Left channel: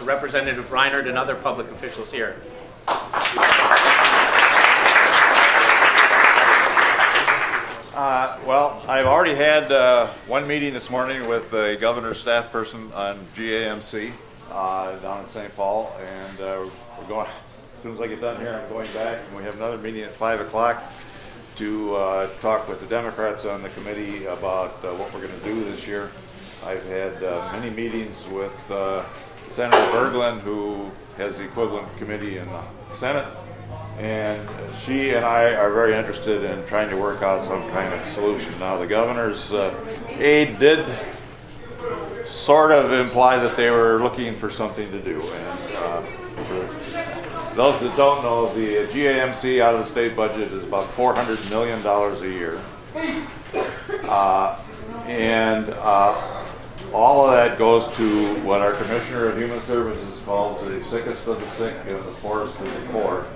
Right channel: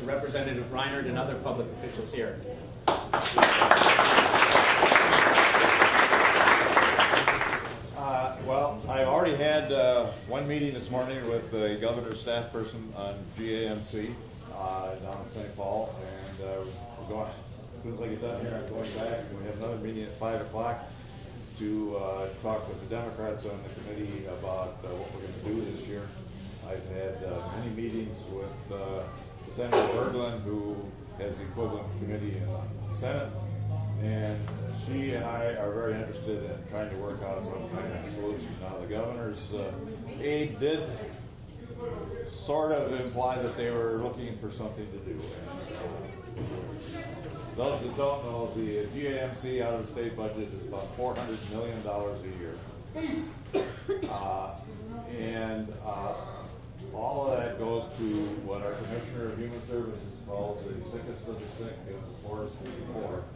to Representative Reinhardt and other public officials here. Well, I've already had one meeting this morning with the governor's staff person on GAMC down in St. Paul, and we're going, as soon as I get done here, I'm going back, and we have another meeting at 5 o'clock to talk with the Democrats on the committee about what we're going to do this year. I've had many meetings with Senator Berglund, who has the equivalent committee in the Senate, and she and I are very interested in trying to work out some kind of solution. Now, the governor's aide did sort of imply that they were looking for something to do. And for those that don't know, the GAMC out of the state budget is about $400 million a year. All of that goes to what our Commissioner of Human Services calls the sickest of the sick and the poorest of the poor.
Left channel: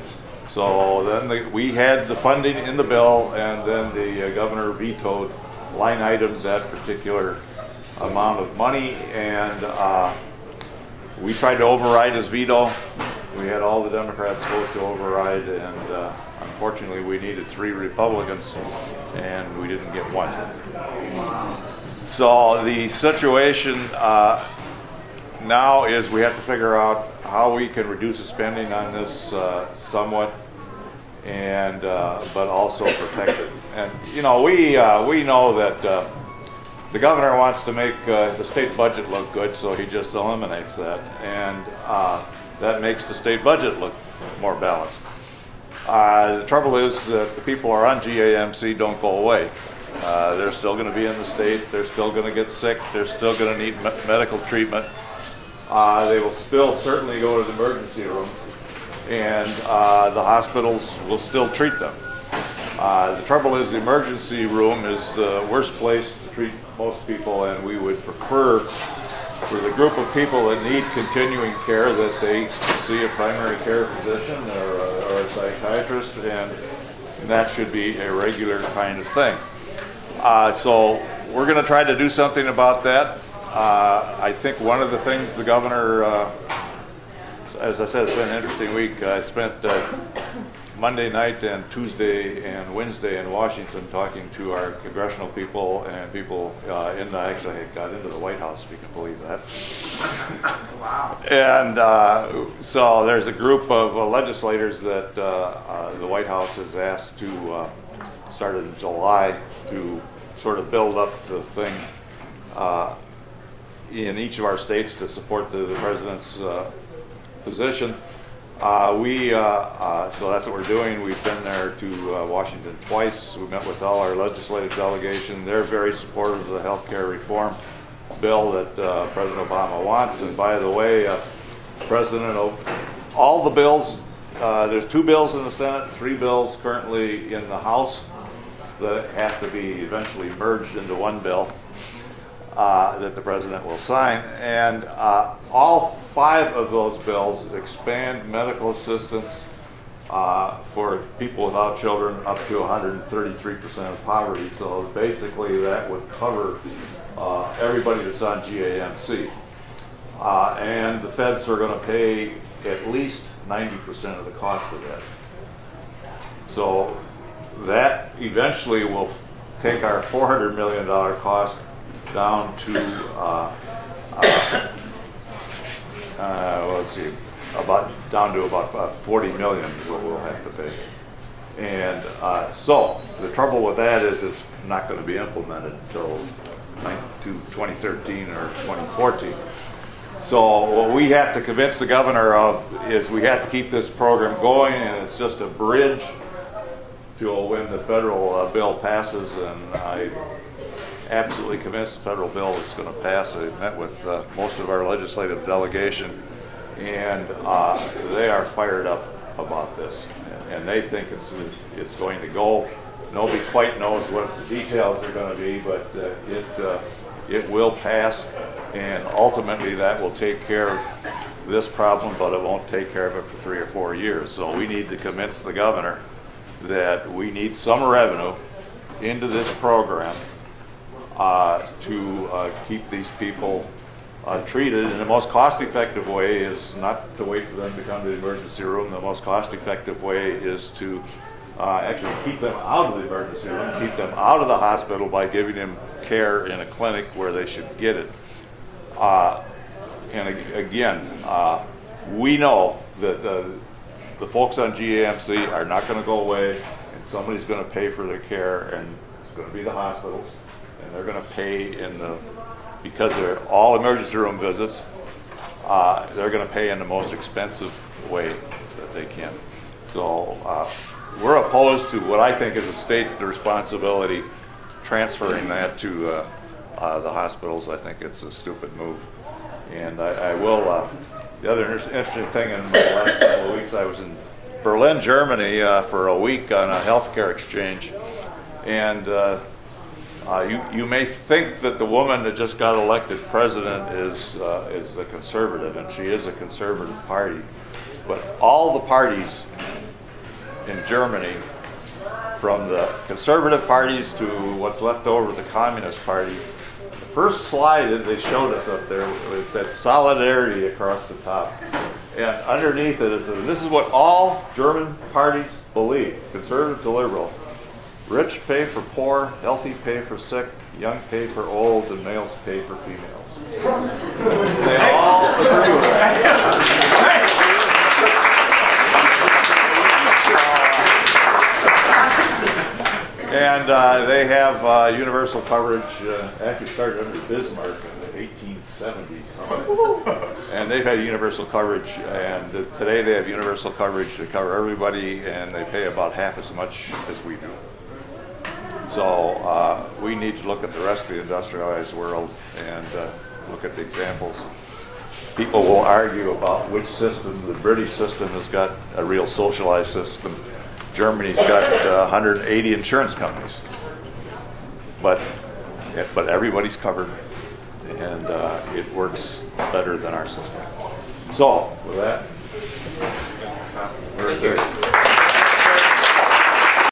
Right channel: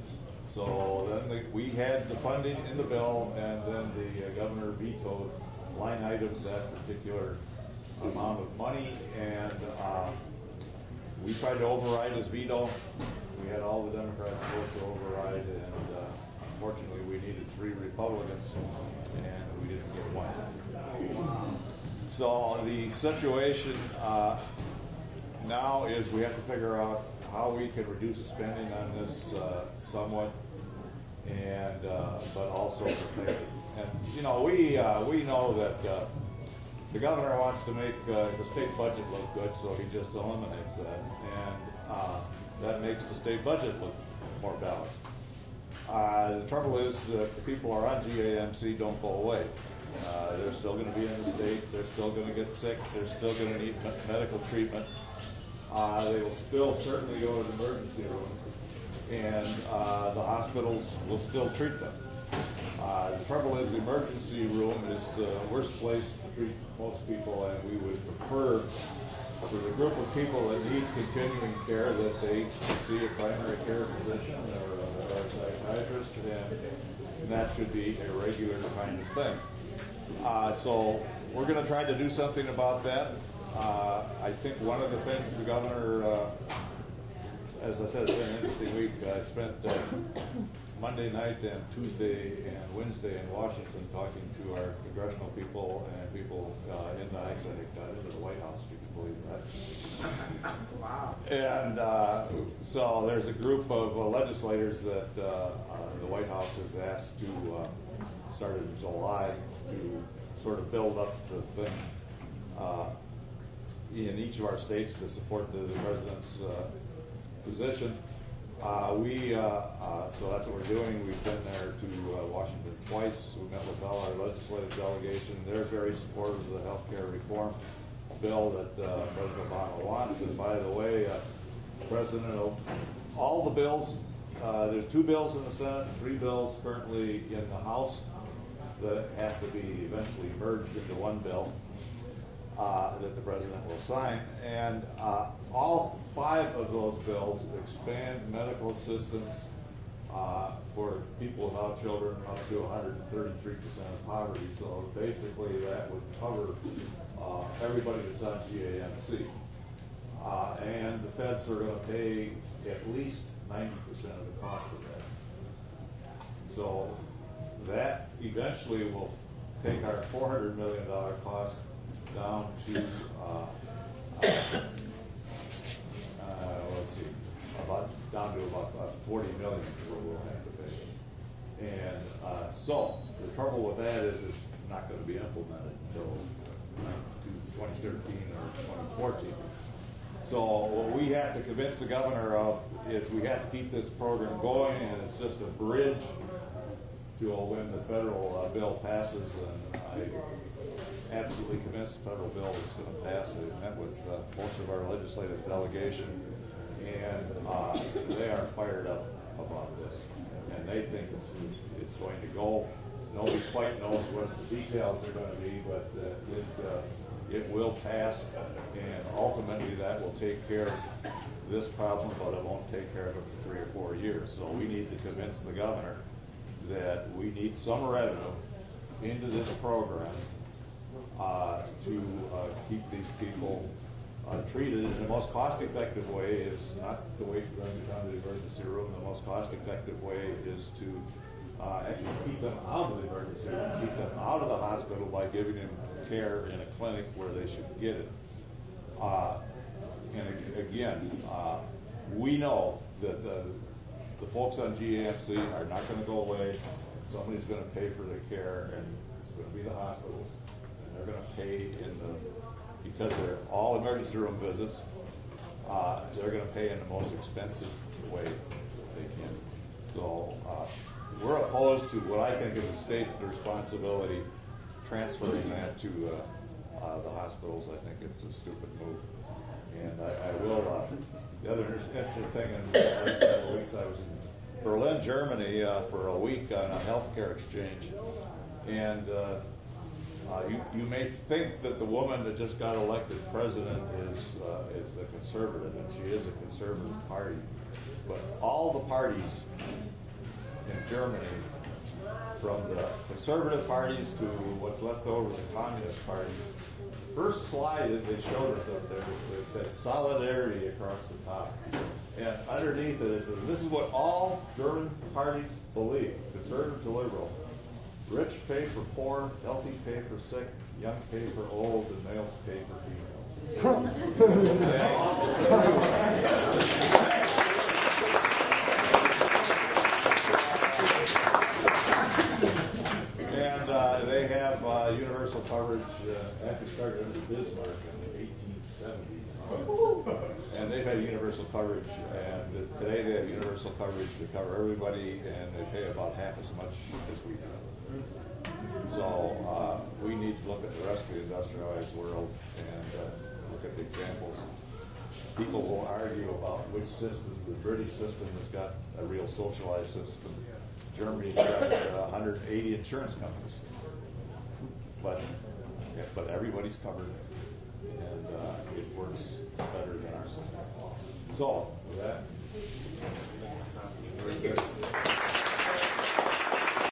So then we had the funding in the bill, and then the governor vetoed line item that particular amount of money, and we tried to override his veto. We had all the Democrats vote to override, and unfortunately we needed 3 Republicans, and we didn't get one. So the situation now is we have to figure out how we can reduce the spending on this somewhat, and but also protect it. And you know, we know that the governor wants to make the state budget look good, so he just eliminates that, and that makes the state budget look more balanced. The trouble is that the people who are on GAMC don't go away. They're still going to be in the state. They're still going to get sick. They're still going to need medical treatment. They will still certainly go to the emergency room, and the hospitals will still treat them. The trouble is the emergency room is the worst place to treat most people, and we would prefer for the group of people that need continuing care that they see a primary care physician or a psychiatrist, and that should be a regular kind of thing. So we're going to try to do something about that. I think one of the things the governor, as I said, it's been an interesting week. I spent Monday night and Tuesday and Wednesday in Washington talking to our congressional people and people actually got into the White House, if you can believe that. Wow. And so there's a group of legislators that the White House has asked to start in July to sort of build up the thing in each of our states to support the president's position. So that's what we're doing. We've been there to Washington twice. We met with all our legislative delegation. They're very supportive of the health care reform bill that President Obama wants. And by the way, all the bills, there's 2 bills in the Senate, 3 bills currently in the House that have to be eventually merged into one bill that the president will sign. And all 5 of those bills expand medical assistance for people without children up to 133% of poverty. So basically that would cover everybody that's on GAMC. And the feds are going to pay at least 90% of the cost of that. So that eventually will take our $400 million cost down to let's see, down to about 40 million is what we'll have to pay. And so the trouble with that is it's not going to be implemented until 2013 or 2014. So what we have to convince the governor of is we have to keep this program going, and it's just a bridge to when the federal bill passes, and I absolutely convinced the federal bill is going to pass. I met with most of our legislative delegation, and they are fired up about this, and they think it's going to go. Nobody quite knows what the details are going to be, but it will pass, and ultimately that will take care of this problem, but it won't take care of it for 3 or 4 years. So we need to convince the governor that we need some revenue into this program to keep these people treated. And the most cost-effective way is not to wait for them to come to the emergency room. The most cost-effective way is to actually keep them out of the emergency room, keep them out of the hospital by giving them care in a clinic where they should get it. And again, we know that the folks on GAMC are not going to go away, and somebody's going to pay for their care, and it's going to be the hospitals, and they're going to pay because they're all emergency room visits, they're going to pay in the most expensive way that they can. So we're opposed to what I think is a state responsibility, transferring that to the hospitals. I think it's a stupid move. And I will, the other interesting thing in the last couple of weeks, I was in Berlin, Germany for a week on a healthcare exchange. And you may think that the woman that just got elected president is a conservative, and she is a conservative party. But all the parties in Germany, from the conservative parties to what's left over of the Communist Party, the first slide that they showed us up there, it said solidarity across the top. And underneath it said, this is what all German parties believe, conservative to liberal. Rich pay for poor, healthy pay for sick, young pay for old, and males pay for females. They all agree with that. And they have universal coverage, actually started under Bismarck in the 1870s. And they've had universal coverage, and today they have universal coverage to cover everybody, and they pay about half as much as we do. So we need to look at the rest of the industrialized world and look at the examples. People will argue about which system. The British system has got a real socialized system. Germany's got 180 insurance companies, but everybody's covered, and it works better than our system. So with that, Thank you.